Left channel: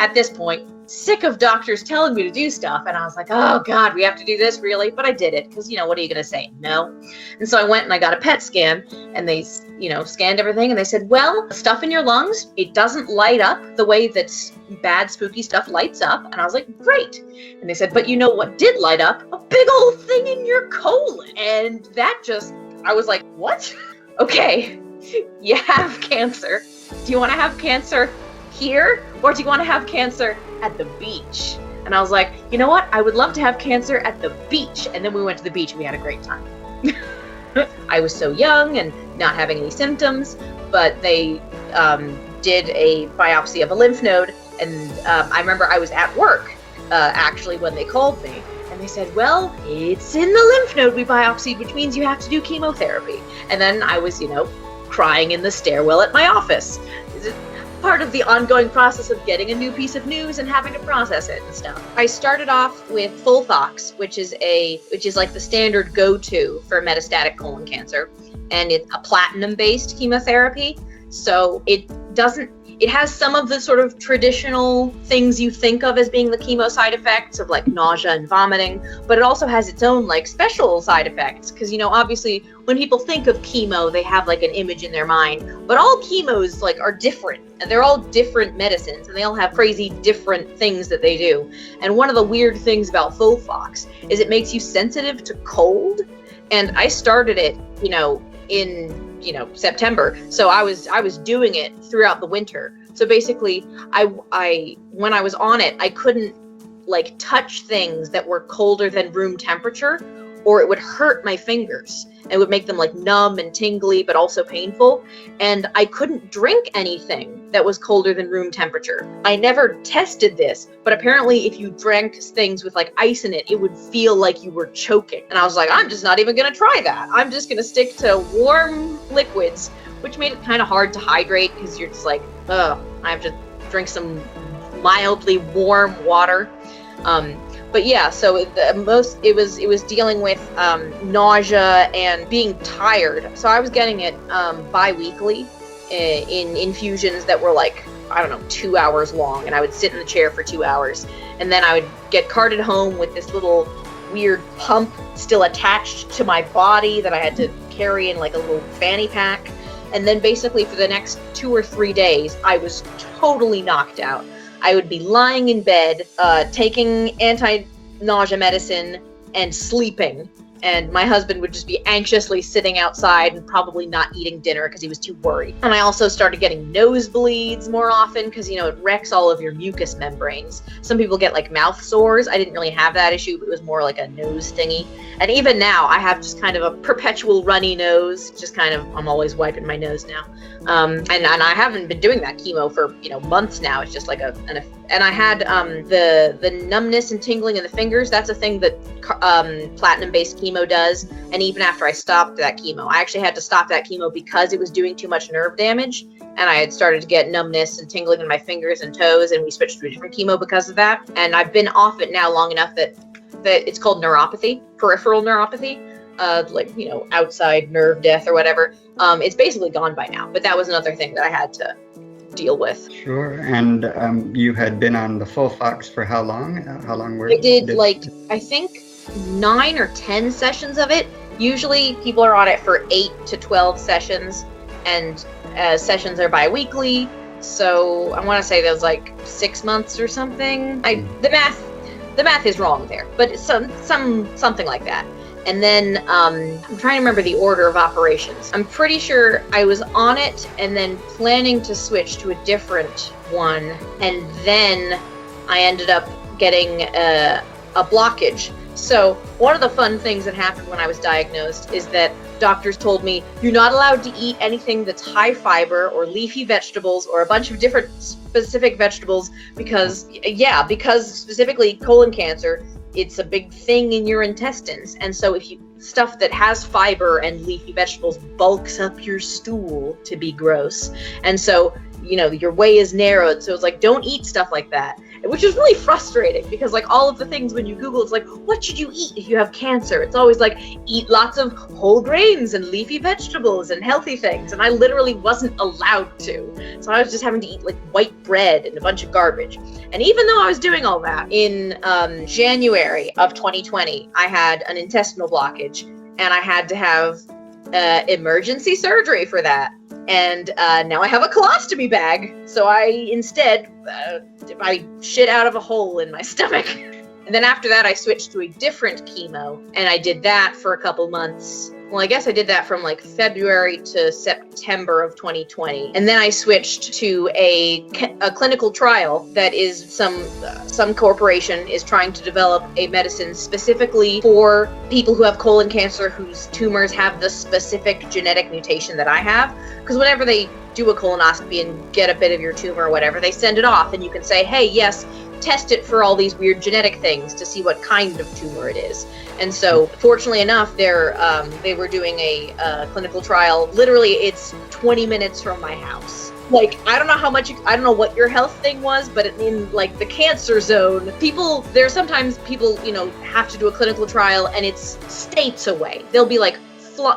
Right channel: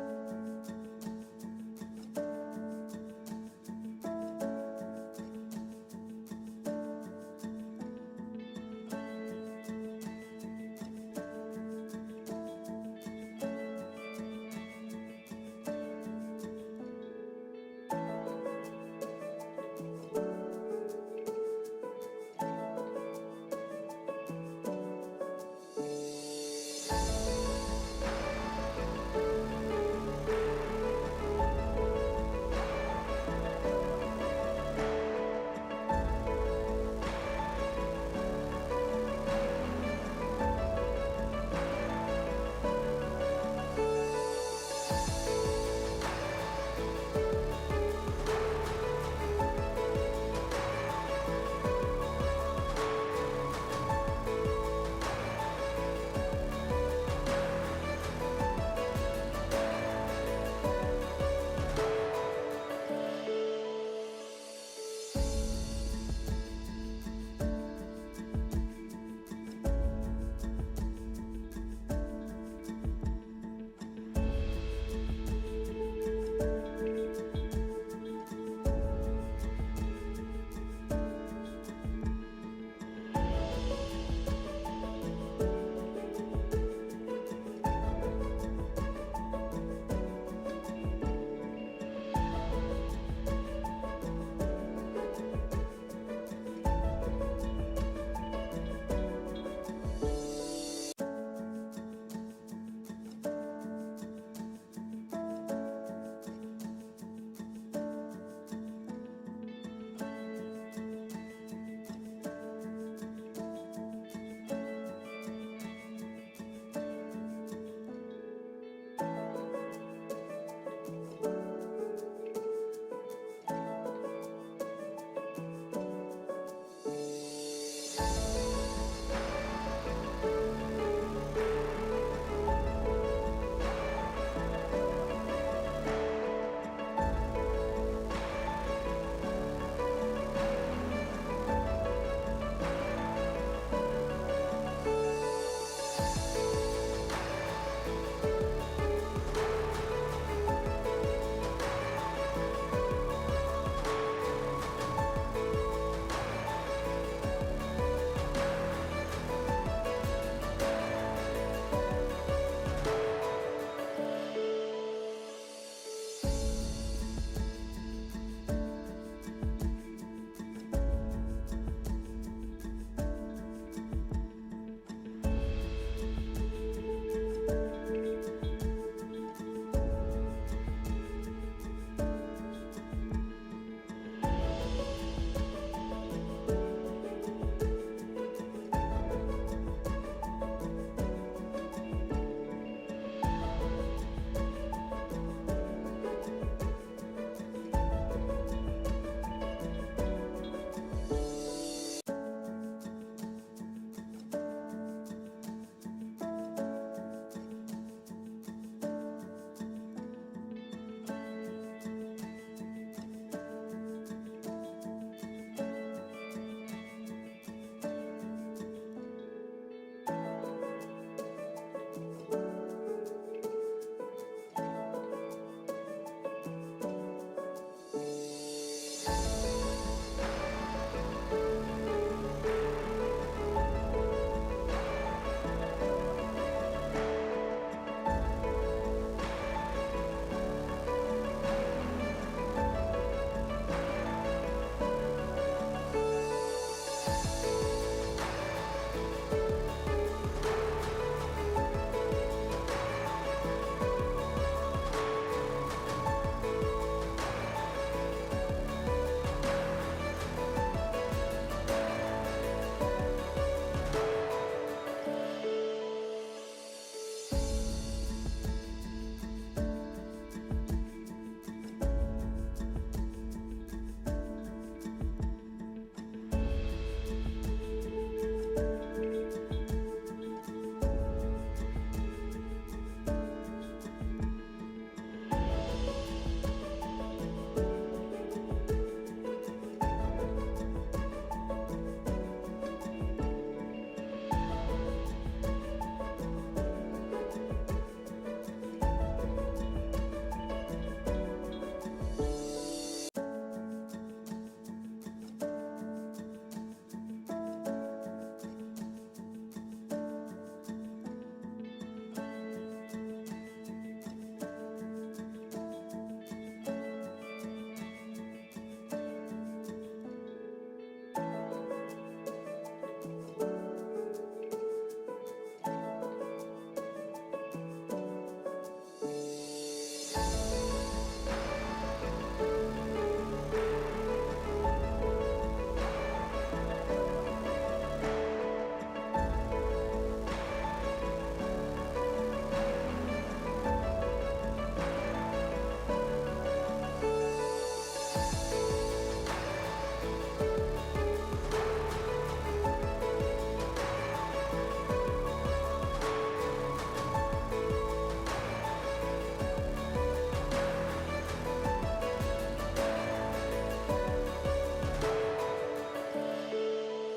at this point, sick of doctors telling me to do stuff. And I was like, oh God, we have to do this, really? But I did it because, what are you going to say? No. And so I went and I got a PET scan, and they, scanned everything, and they said, well, stuff in your lungs, it doesn't light up the way that bad, spooky stuff lights up. And I was like, great. And they said, but you know what did light up? A big old thing in your colon. And that I was like, what? Okay, you have cancer. Do you want to have cancer here, or do you want to have cancer at the beach? And I was like, you know what? I would love to have cancer at the beach. And then we went to the beach and we had a great time. I was so young and not having any symptoms, but they did a biopsy of a lymph node. And I remember I was at work, actually, when they called me. And they said, well, it's in the lymph node we biopsied, which means you have to do chemotherapy. And then I was, crying in the stairwell at my office. Part of the ongoing process of getting a new piece of news and having to process it and stuff. I started off with FOLFOX, which is like the standard go-to for metastatic colon cancer, and it's a platinum-based chemotherapy. So it has some of the sort of traditional things you think of as being the chemo side effects of like nausea and vomiting, but it also has its own like special side effects because, obviously when people think of chemo, they have like an image in their mind, but all chemos like are different, and they're all different medicines, and they all have crazy different things that they do. And one of the weird things about FOLFOX is it makes you sensitive to cold. And I started it, in September. So I was doing it throughout the winter. So basically when I was on it, I couldn't like touch things that were colder than room temperature, or it would hurt my fingers. It would make them like numb and tingly, but also painful. And I couldn't drink anything that was colder than room temperature. I never tested this, but apparently if you drank things with like ice in it, it would feel like you were choking. And I was like, I'm just not even gonna try that. I'm just gonna stick to warm liquids, which made it kind of hard to hydrate because you're just like, oh, I have to drink some mildly warm water. But yeah, so it was dealing with nausea and being tired. So I was getting it bi-weekly in infusions that were like, I don't know, 2 hours long, and I would sit in the chair for 2 hours, and then I would get carted home with this little weird pump still attached to my body that I had to carry in like a little fanny pack. And then basically for the next 2 or 3 days, I was totally knocked out. I would be lying in bed, taking anti-nausea medicine and sleeping. And my husband would just be anxiously sitting outside and probably not eating dinner because he was too worried. And I also started getting nosebleeds more often because, it wrecks all of your mucous membranes. Some people get like mouth sores. I didn't really have that issue, but it was more like a nose stingy. And even now I have just kind of a perpetual runny nose, I'm always wiping my nose now. And I haven't been doing that chemo for, months now. It's just like and I had the numbness and tingling in the fingers. That's a thing that platinum-based chemo does. And even after I stopped that chemo, I actually had to stop that chemo because it was doing too much nerve damage. And I had started to get numbness and tingling in my fingers and toes, and we switched to a different chemo because of that. And I've been off it now long enough that it's called neuropathy, peripheral neuropathy. Outside nerve death or whatever. It's basically gone by now, but that was another thing that I had to deal with. Sure. And you had been on the FOLFOX for how long? How long were you? I did I think 9 or 10 sessions of it. Usually people are on it for 8 to 12 sessions, and sessions are bi-weekly. So I want to say that was like 6 months or something. The math is wrong there, but it's something like that. And then I'm trying to remember the order of operations. I'm pretty sure I was on it and then planning to switch to a different one. And then I ended up getting a blockage. So one of the fun things that happened when I was diagnosed is that doctors told me, you're not allowed to eat anything that's high fiber or leafy vegetables or a bunch of different specific vegetables because specifically colon cancer, it's a big thing in your intestines. And so if stuff that has fiber and leafy vegetables bulks up your stool to be gross. And so, your way is narrowed. So it's like, don't eat stuff like that. which is really frustrating because like all of the things when you Google, it's like, what should you eat if you have cancer? It's always like, eat lots of whole grains and leafy vegetables and healthy things. And I literally wasn't allowed to. So I was just having to eat like white bread and a bunch of garbage. And even though I was doing all that, in January of 2020, I had an intestinal blockage and I had to have emergency surgery for that. And now I have a colostomy bag. So I instead, I shit out of a hole in my stomach. And then after that, I switched to a different chemo. And I did that for a couple months. Well, I guess I did that from like February to September of 2020. And then I switched to a clinical trial that is some corporation is trying to develop a medicine specifically for people who have colon cancer whose tumors have the specific genetic mutation that I have. Because whenever they do a colonoscopy and get a bit of your tumor or whatever, they send it off and you can say, hey, yes, test it for all these weird genetic things to see what kind of tumor it is. And so, fortunately enough, they were doing a clinical trial. Literally, it's 20 minutes from my house. Like, I don't know what your health thing was, but in like the cancer zone, sometimes people, have to do a clinical trial and it's states away. They'll be like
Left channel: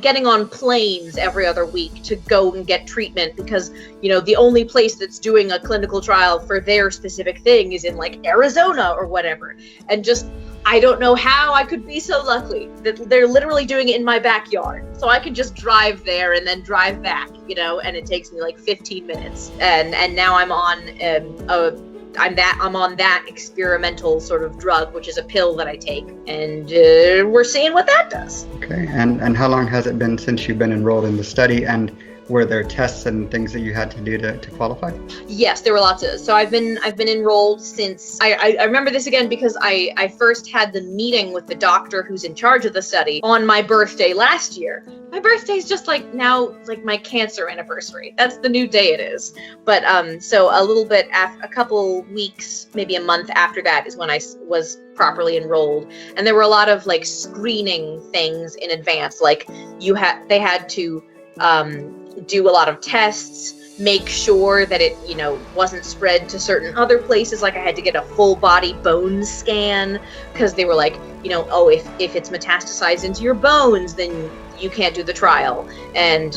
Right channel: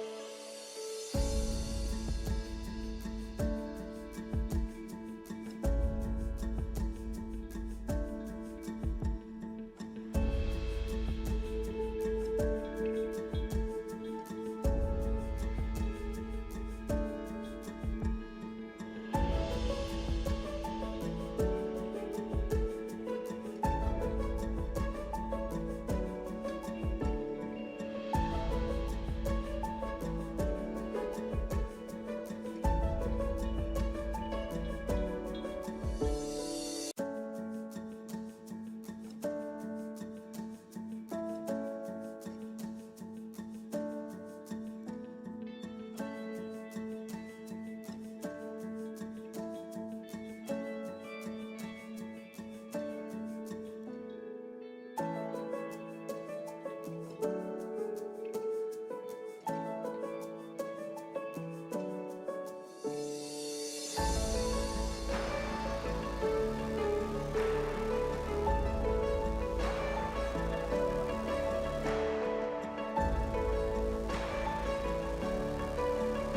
getting on planes every other week to go and get treatment because, the only place that's doing a clinical trial for their specific thing is in like Arizona or whatever. And just, I don't know how I could be so lucky that they're literally doing it in my backyard. So I can just drive there and then drive back, and it takes me like 15 minutes. And now I'm on I'm on that experimental sort of drug, which is a pill that I take, and we're seeing what that does. Okay, and how long has it been since you've been enrolled in the study, and were there tests and things that you had to do to qualify? Yes, there were lots of. So I've been enrolled since I remember this again because I first had the meeting with the doctor who's in charge of the study on my birthday last year. My birthday's just like now, like my cancer anniversary. That's the new day it is. But so a little bit a couple weeks, maybe a month after that is when I was properly enrolled. And there were a lot of like screening things in advance. Like they had to do a lot of tests, make sure that it, wasn't spread to certain other places. Like I had to get a full body bone scan because they were like, if it's metastasized into your bones, then you can't do the trial. And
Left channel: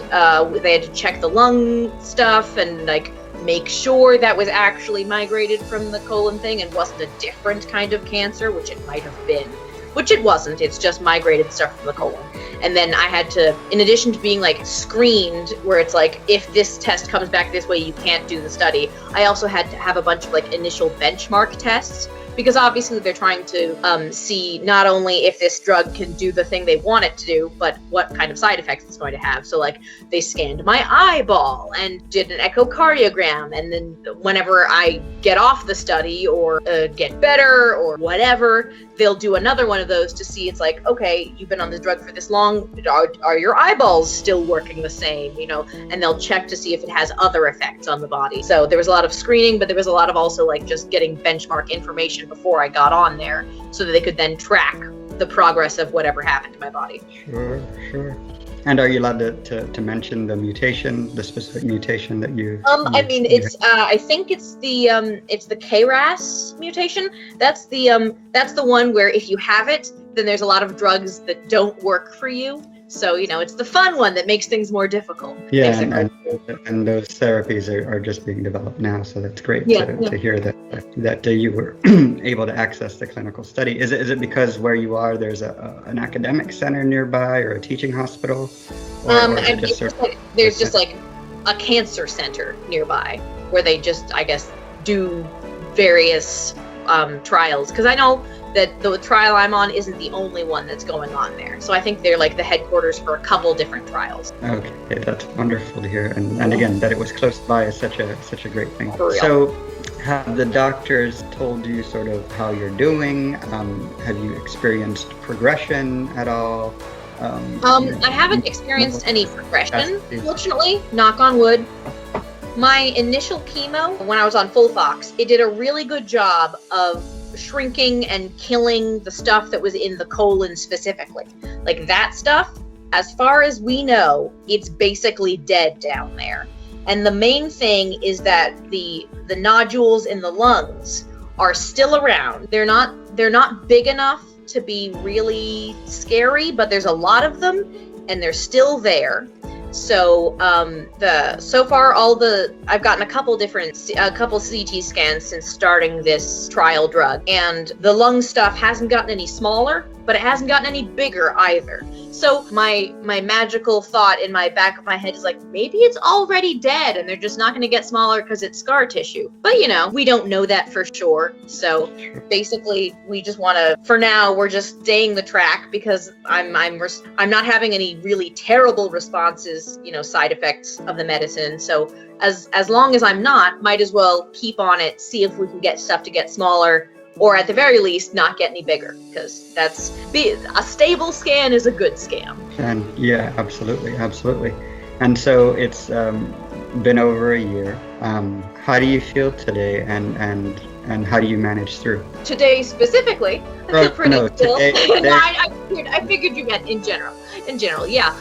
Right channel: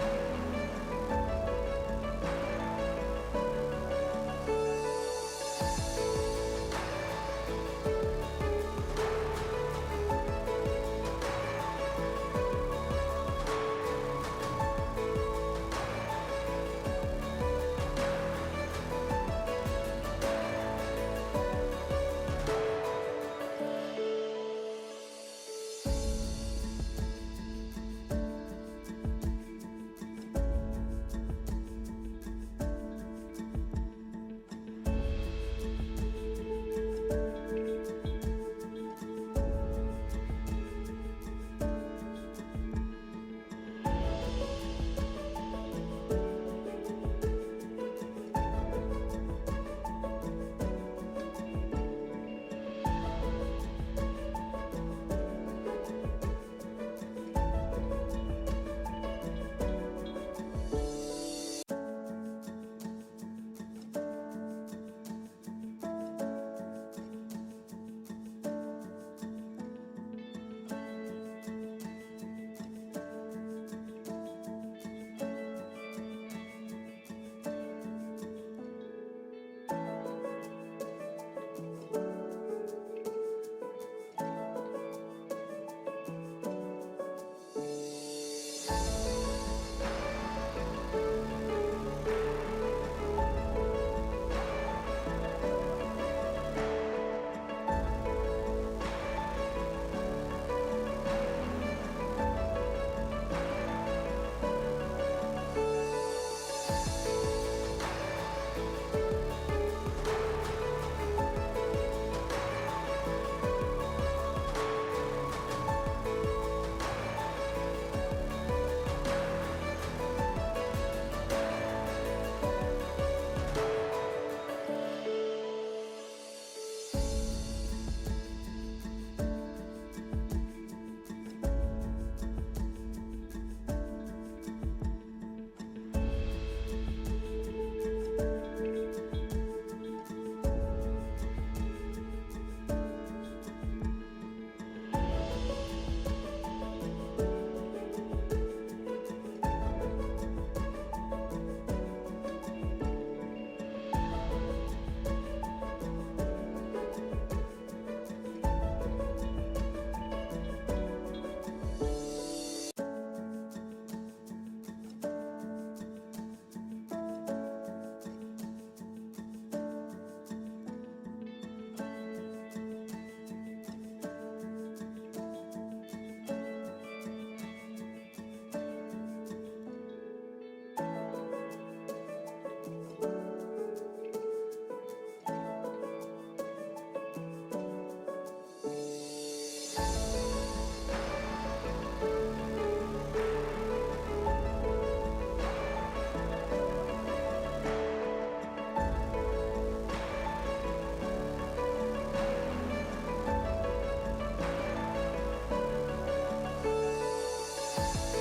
they had to check the lung stuff and like make sure that was actually migrated from the colon thing and wasn't a different kind of cancer, which it might have been. Which it wasn't, it's just migrated stuff from the colon. And then I had to, in addition to being like screened, where it's like, if this test comes back this way, you can't do the study, I also had to have a bunch of like initial benchmark tests, because obviously they're trying to see not only if this drug can do the thing they want it to do, but what kind of side effects it's going to have. So like they scanned my eyeball and did an echocardiogram, and then whenever I get off the study or get better or whatever, they'll do another one of those to see, it's like, okay, you've been on this drug for this long, are your eyeballs still working the same, and they'll check to see if it has other effects on the body. So there was a lot of screening, but there was a lot of also like just getting benchmark information before I got on there so that they could then track the progress of whatever happened to my body. Sure. And are you allowed to mention the mutation, the specific mutation that you? I think it's the KRAS mutation. That's the one where if you have it, then there's a lot of drugs that don't work for you. So, it's the fun one that makes things more difficult. Yeah, and those therapies are just being developed now, so that's great to hear that you were able to access the clinical study. Is it because where you are, there's an academic center nearby or a teaching hospital? There's just like a cancer center nearby where they just, I guess, do various trials, because I know that the trial I'm on isn't the only one that's going on there. So I think they're like the headquarters for a couple different trials. Okay, that's wonderful to hear. And again, that it was close by is such a great thing. For real. So have the doctors told you sort of how you're doing? Have you experienced progression at all? I haven't experienced any progression, fortunately, knock on wood. My initial chemo, when I was on FOLFOX, it did a really good job of shrinking and killing the stuff that was in the colon specifically. Like that stuff, as far as we know, it's basically dead down there. And the main thing is that the nodules in the lungs are still around. They're not big enough to be really scary, but there's a lot of them and they're still there. So so far I've gotten a couple CT scans since starting this trial drug, and the lung stuff hasn't gotten any smaller, but it hasn't gotten any bigger either. So my magical thought in my back of my head is like, maybe it's already dead and they're just not going to get smaller because it's scar tissue. But we don't know that for sure. So basically we just want to, for now, we're just staying the track because I'm not having any really terrible responses, side effects of the medicine. So as long as I'm not, might as well keep on it, see if we can get stuff to get smaller, or at the very least not get any bigger, because a stable scan is a good scam. And yeah, absolutely. And so it's been over a year. How do you feel today, and how do you manage through? Today specifically, I feel pretty still. Today. I figured you meant in general. Yeah.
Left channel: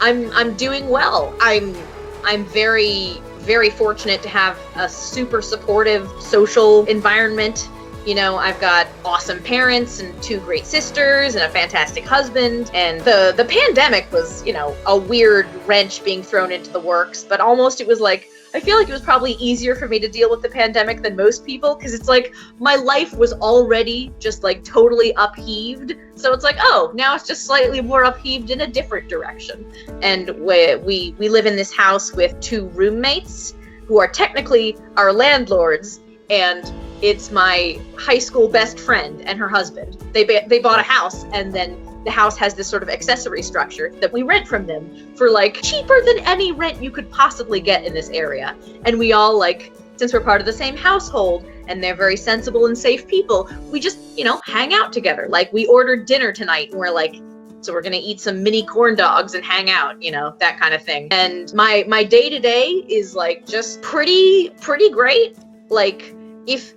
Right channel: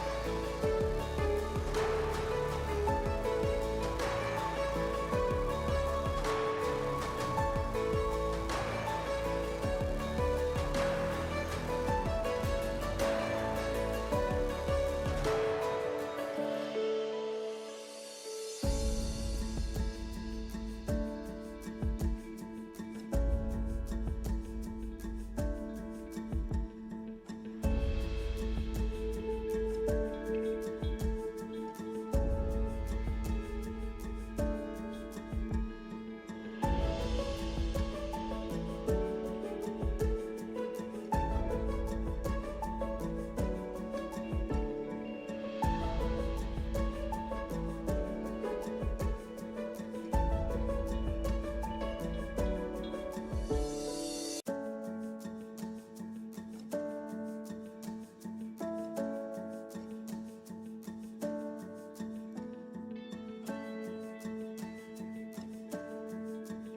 I'm doing well. I'm very, very fortunate to have a super supportive social environment. I've got awesome parents and 2 great sisters and a fantastic husband. And the pandemic was, a weird wrench being thrown into the works, but almost it was like, I feel like it was probably easier for me to deal with the pandemic than most people, because it's like my life was already just like totally upheaved. So it's like, oh, now it's just slightly more upheaved in a different direction. And we live in this house with 2 roommates who are technically our landlords, and it's my high school best friend and her husband. They bought a house, and then the house has this sort of accessory structure that we rent from them for like cheaper than any rent you could possibly get in this area. And we all, like, since we're part of the same household and they're very sensible and safe people, we just, hang out together. Like, we ordered dinner tonight and we're like, so we're gonna eat some mini corn dogs and hang out, that kind of thing. And my day-to-day is like just pretty great. Like, if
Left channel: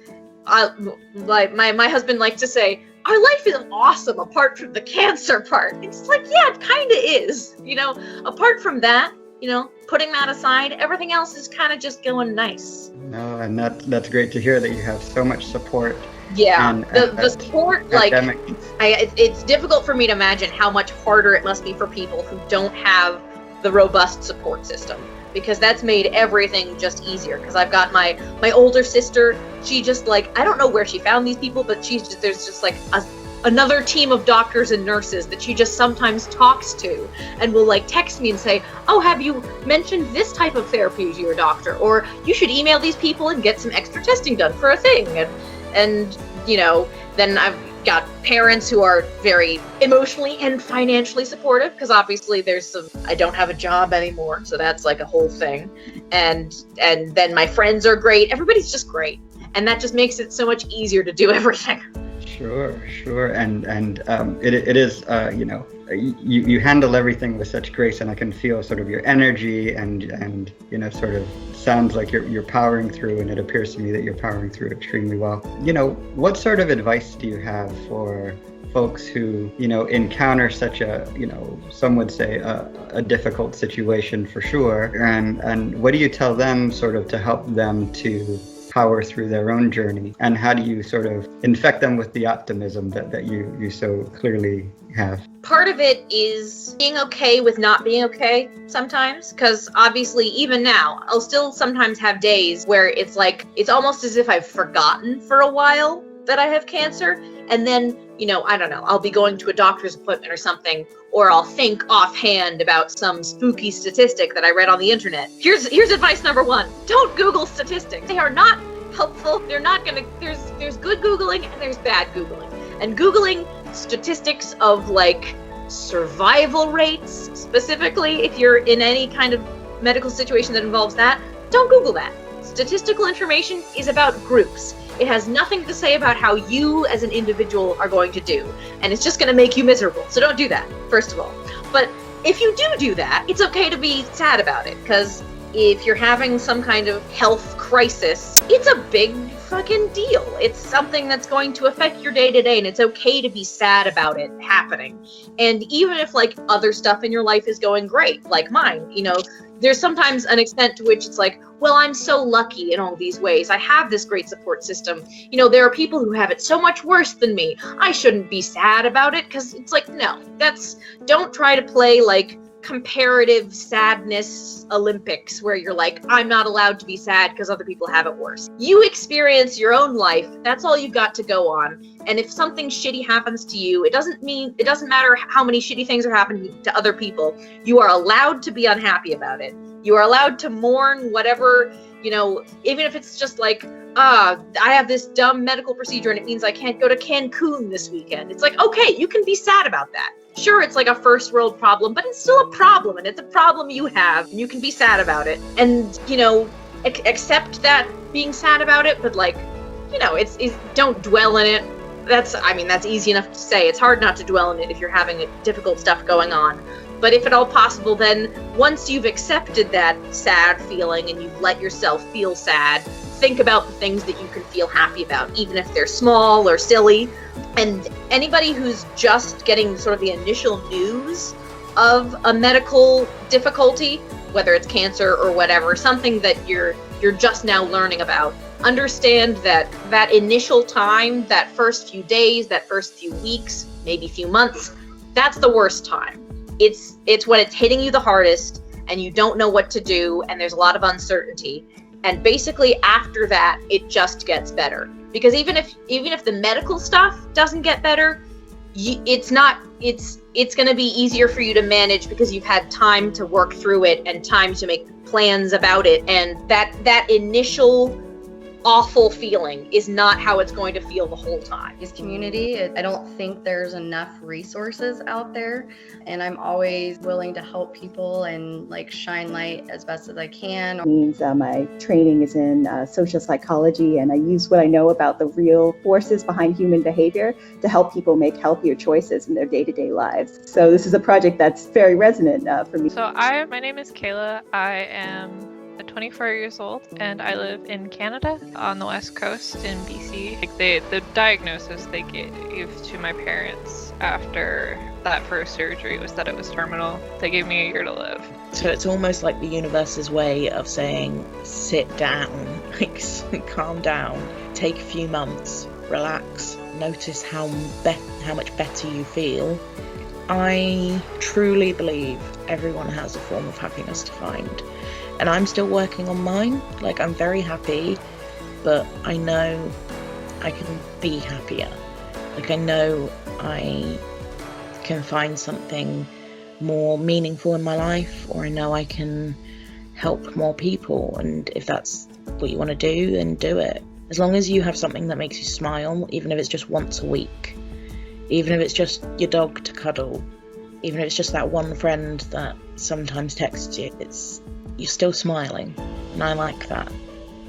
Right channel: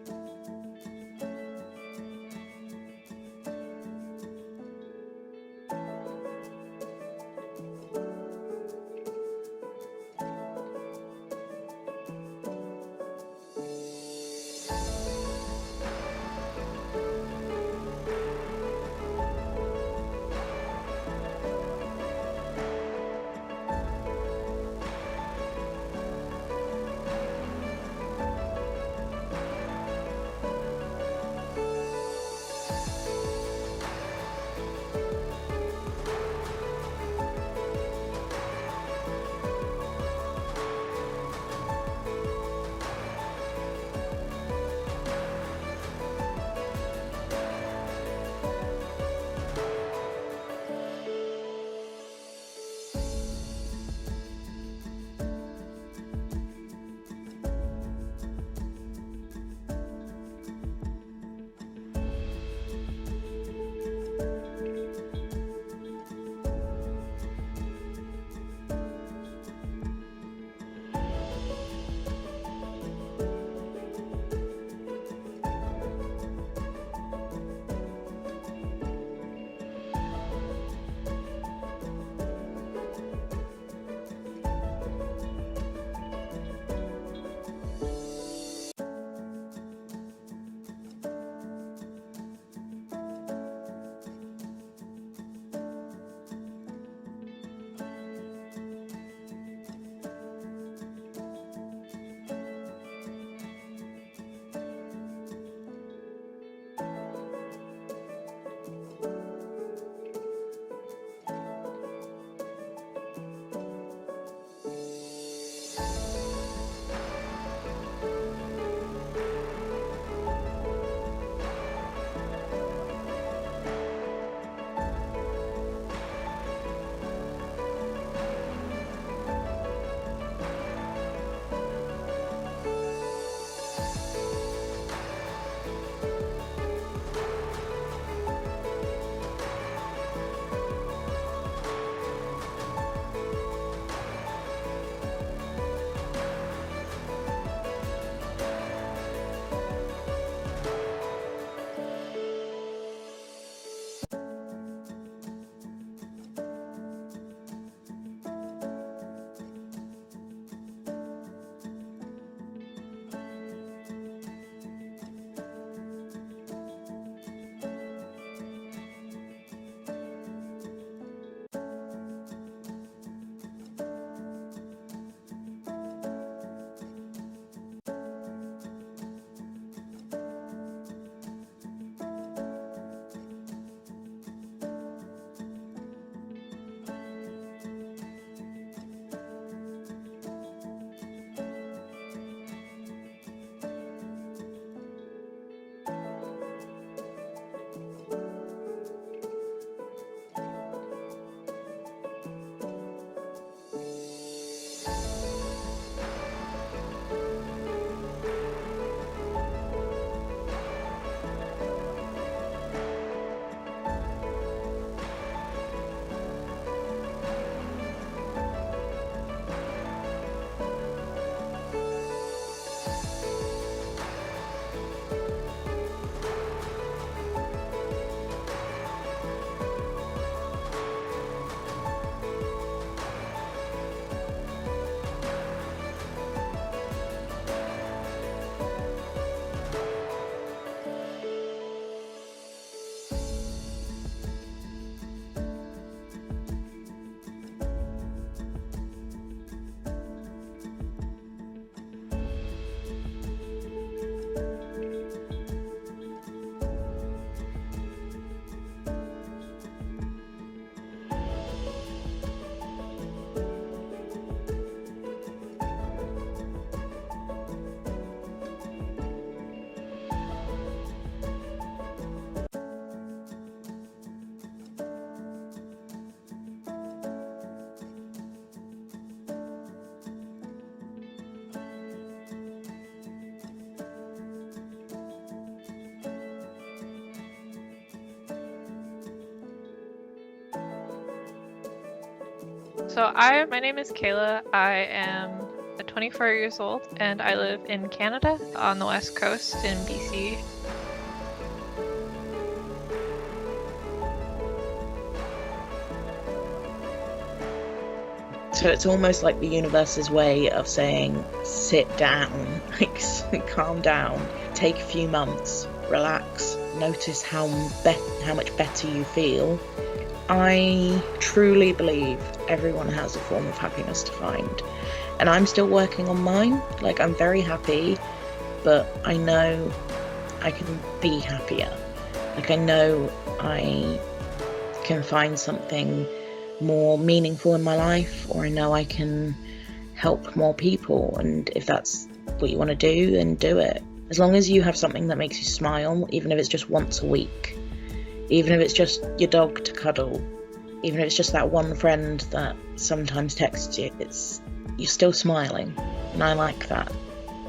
my husband likes to say, our life is awesome apart from the cancer part. It's like, yeah, it kind of is. Apart from that, putting that aside, everything else is kind of just going nice. No, and that's great to hear that you have so much support. Yeah, the support, like, it's difficult for me to imagine how much harder it must be for people who don't have the robust support system, because that's made everything just easier. Because I've got my older sister, she just, like, I don't know where she found these people, but there's just like another team of doctors and nurses that she just sometimes talks to and will like text me and say, oh, have you mentioned this type of therapy to your doctor? Or you should email these people and get some extra testing done for a thing. And then I've got parents who are very emotionally and financially supportive, because obviously I don't have a job anymore, so that's like a whole thing. And then my friends are great. Everybody's just great. And that just makes it so much easier to do everything. Sure. And it is, you handle everything with such grace, and I can feel sort of your energy and sort of sounds like you're powering through, and it appears to me that you're powering through extremely well. What sort of advice do you have for folks who, encounter such a, some would say a difficult situation for sure, and what do you tell them sort of to help them to power through their own journey, and how do you sort of infect them with the optimism that you so clearly have? Part of it is being okay with not being okay sometimes, because obviously even now I'll still sometimes have days where it's like, it's almost as if I've forgotten for a while that I have cancer, and then I don't know, I'll be going to a doctor's appointment or something, or I'll think offhand about some spooky statistic that I read on the internet. Here's advice number 1. Don't Google statistics. They are not helpful. They're not gonna, there's good Googling and there's bad Googling. And Googling statistics of like survival rates, specifically if you're in any kind of medical situation that involves that, don't Google that. Statistical information is about groups. It has nothing to say about how you as an individual are going to do. And it's just going to make you miserable. So don't do that, first of all. But if you do that, it's okay to be sad about it. Because if you're having some kind of health crisis, it's a big fucking deal. It's something that's going to affect your day to day, and it's okay to be sad about it happening. And even if like other stuff in your life is going great, like mine, there's sometimes an extent to which it's like, well, I'm so lucky in all these ways. I have this great support system. There are people who have it so much worse than me. I shouldn't be sad about it, because it's like, no, don't try to play like comparative sadness Olympics where you're like, I'm not allowed to be sad because other people have it worse. You experience your own life. That's all you've got to go on. And if something shitty happens to you, it doesn't matter how many shitty things are happening to other people. You are allowed to be unhappy about it. You are allowed to mourn whatever, even if it's just like, I have this dumb medical procedure and it means I can't go to Cancun this weekend. It's like, okay, you can be sad about that. Sure, it's like a first world problem, but it's still a problem, and it's a problem you have. You can be sad about it, and accept that being sad about it. But like, it's don't dwell in it. That's easy enough to say. It's hard not to dwell in it if you're having difficult stuff going on. But if at all possible, then once you've accepted that sad feeling and you've let yourself feel sad, think about the things that you can feel happy about, even if they're small or silly. And anybody who's just getting sort of the initial news of a medical difficulty, whether it's cancer or whatever, something that you're just now learning about, understand that initial time, that first few days, that first few weeks, maybe few months, that's the worst time. It's when it's hitting you the hardest and you don't know what to do and there's a lot of uncertainty. And basically after that, it just gets better. Because even if the medical stuff doesn't get better, it's going to be easier for you to manage because you've had time to work through it and time to make plans about it. And that initial awful feeling is not how it's going to feel the whole time. This community, I don't think there's enough resources out there, and I'm always willing to help people and like shine light as best as I can. My training is in social psychology, and I use what I know about the real forces behind human behavior to help people make healthier choices in their day-to-day lives. So this is a project that's very resonant for me. So my name is Kayla. I am 24 years old and I live in Canada on the west coast in BC. The diagnosis they gave to my parents after that first surgery was that it was terminal. They gave me a year to live. So it's almost like the universe's way of saying, sit down, calm down, take a few months, relax, notice how much better you feel. I truly believe everyone has a form of happiness to find. And I'm still working on mine. I'm very happy, but I know I can be happier. I know I can find something more meaningful in my life, or I know I can help more people. And if that's what you want to do, then do it. As long as you have something that makes you smile, even if it's just once a week, even if it's just your dog to cuddle, even if it's just that one friend that sometimes texts you, you're still smiling, and I like that,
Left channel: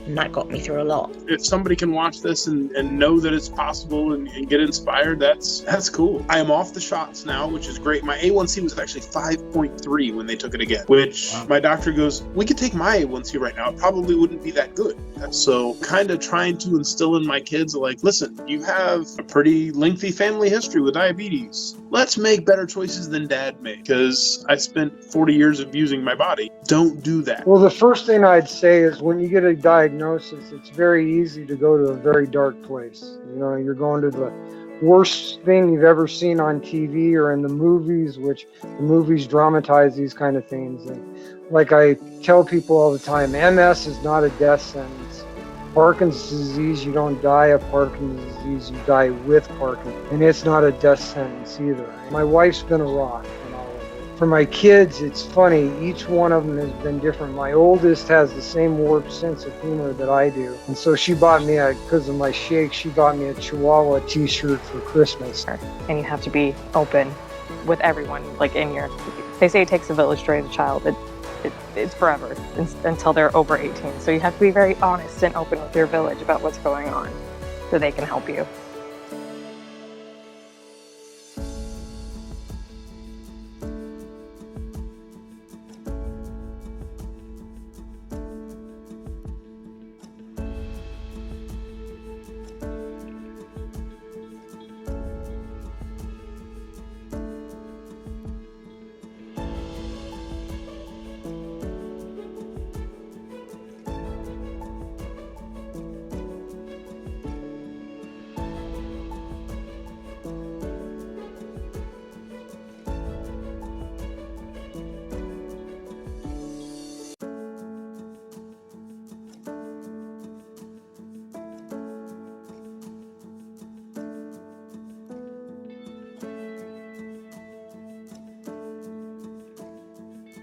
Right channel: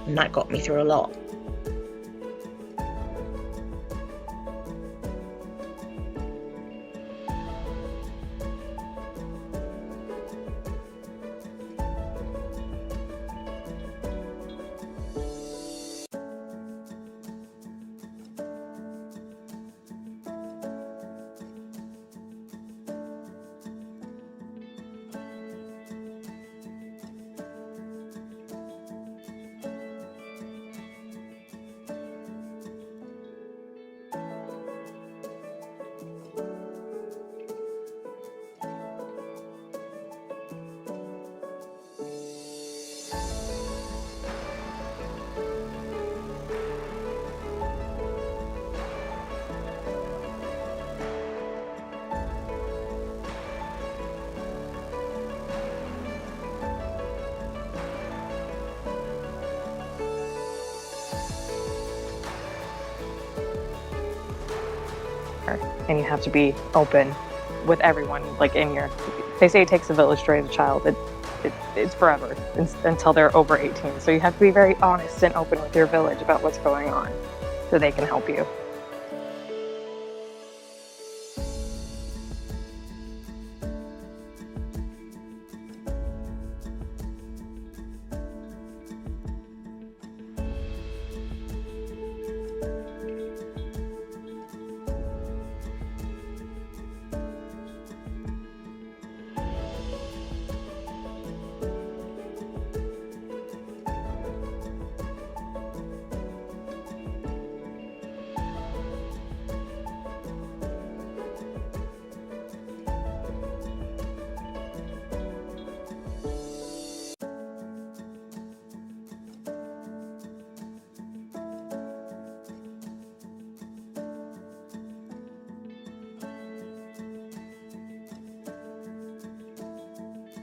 and that got me through a lot. If somebody can watch this and know that it's possible and get inspired, that's cool. I am off the shots now, which is great. My A1C was actually 5.3 when they took it again, which my doctor goes, we could take my A1C right now, it probably wouldn't be that good. So kind of trying to instill in my kids, listen, you have a pretty lengthy family history with diabetes. Let's make better choices than Dad made, because I spent 40 years abusing my body. Don't do that. Well, the first thing I'd say is when you get a diagnosis, it's very easy to go to a very dark place. You're going to the worst thing you've ever seen on TV or in the movies, which the movies dramatize these kind of things. And like I tell people all the time, MS is not a death sentence. Parkinson's disease, you don't die of Parkinson's disease, you die with Parkinson's. And it's not a death sentence either. My wife's been a rock. For my kids, it's funny, each one of them has been different. My oldest has the same warped sense of humor that I do. And so she bought me, because of my shake, she bought me a Chihuahua t-shirt for Christmas. And you have to be open with everyone, they say it takes a village to raise a child. It's forever until they're over 18. So you have to be very honest and open with your village about what's going on so they can help you.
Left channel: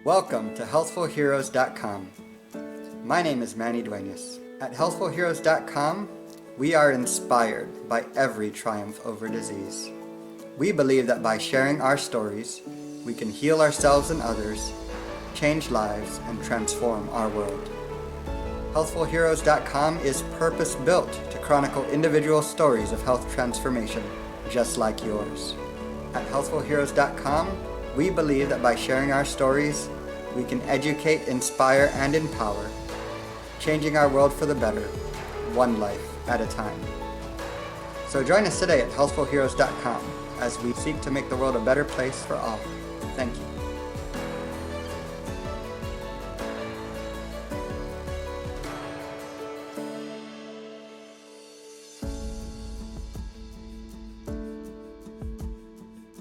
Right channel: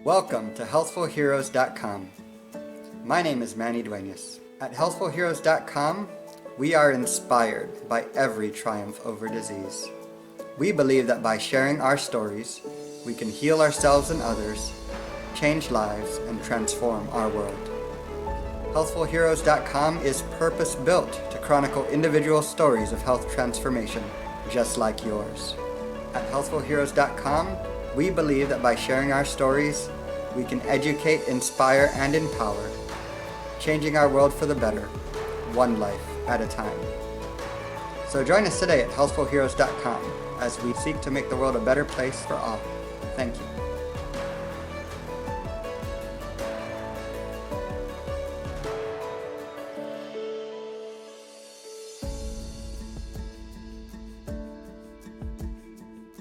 Welcome to healthfulheroes.com. My name is Manny Duenas. At healthfulheroes.com, we are inspired by every triumph over disease. We believe that by sharing our stories, we can heal ourselves and others, change lives, and transform our world. Healthfulheroes.com is purpose-built to chronicle individual stories of health transformation, just like yours. At healthfulheroes.com, we believe that by sharing our stories, we can educate, inspire, and empower, changing our world for the better, one life at a time. So join us today at healthfulheroes.com as we seek to make the world a better place for all. Thank you.